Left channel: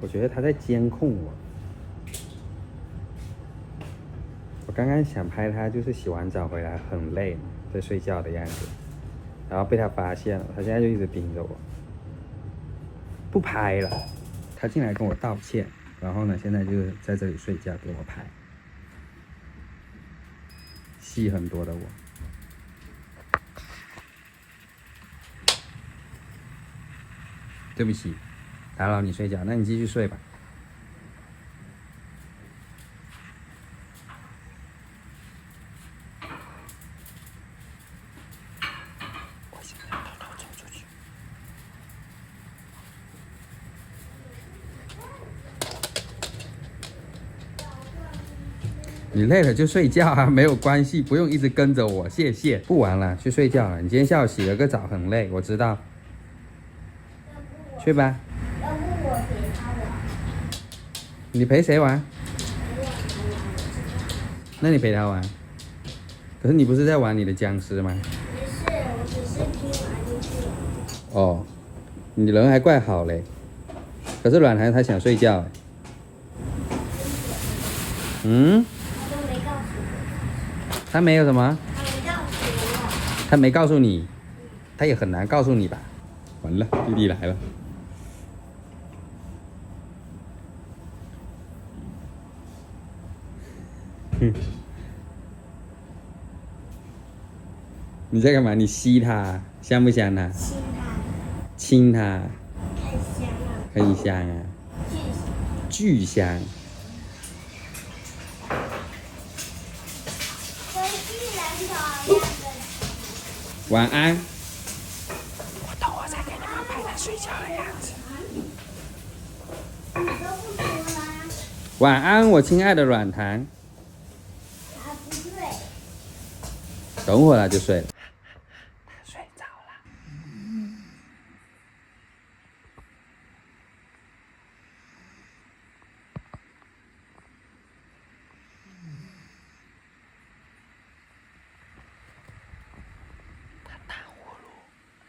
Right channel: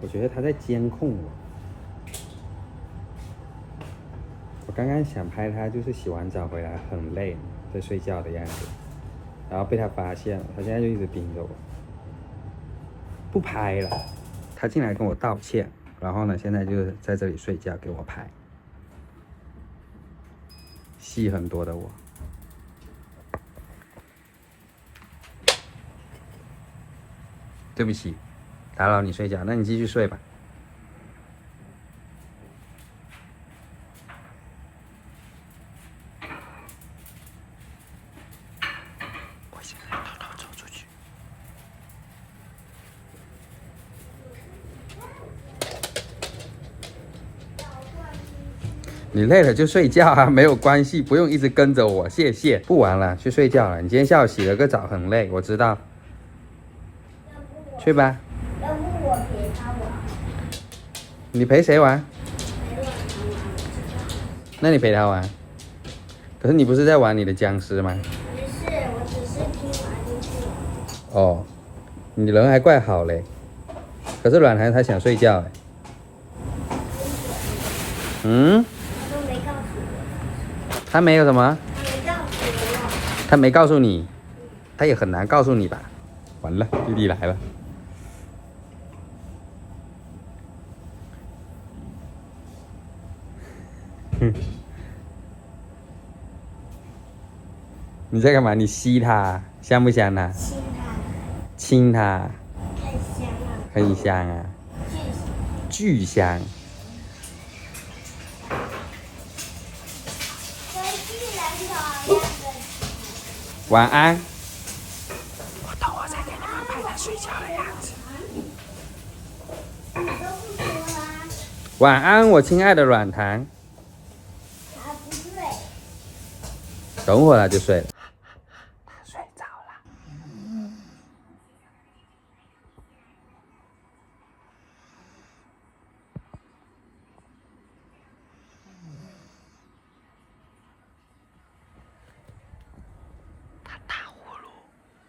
我觉得他在监控我。我刚刚想拍他，就是洗完澡回来很累，在睡觉的样子，然后被他发现了，他现在就一直盯着我，不拍了。他进来跟我道歉，然后呢，现在就在这里睡觉给我拍，戏很多的我。对不起，打扰你睡觉，那你继续睡吧。你累了就睡觉啊，没有关系，不用一直跟着我，谢谢。不玩了，去睡觉了。你今天下午洗了个澡，很累，我知道。去吧。要不我陪他玩。你陪谁玩？陪我那你陪他玩。可是你不是在玩你的僵尸吗？不是，我只是听玩进去。哦，你人还怪好嘞。可是软孩他想睡觉哎。嗯？他都没告诉我。他没有什么？他没告诉我。他没告诉你，他也很难告诉你吧？完了，弟弟来了。你在干嘛？你吸它，香不香啊？亲他，亲它，太香了，很香啊，巨香。巨香。跟巨人头一样的。晚安。等我再给你们拍他睡觉的样子。你都不说啦。晚安，我亲爱的软糖。他不睡。等会儿他就睡了。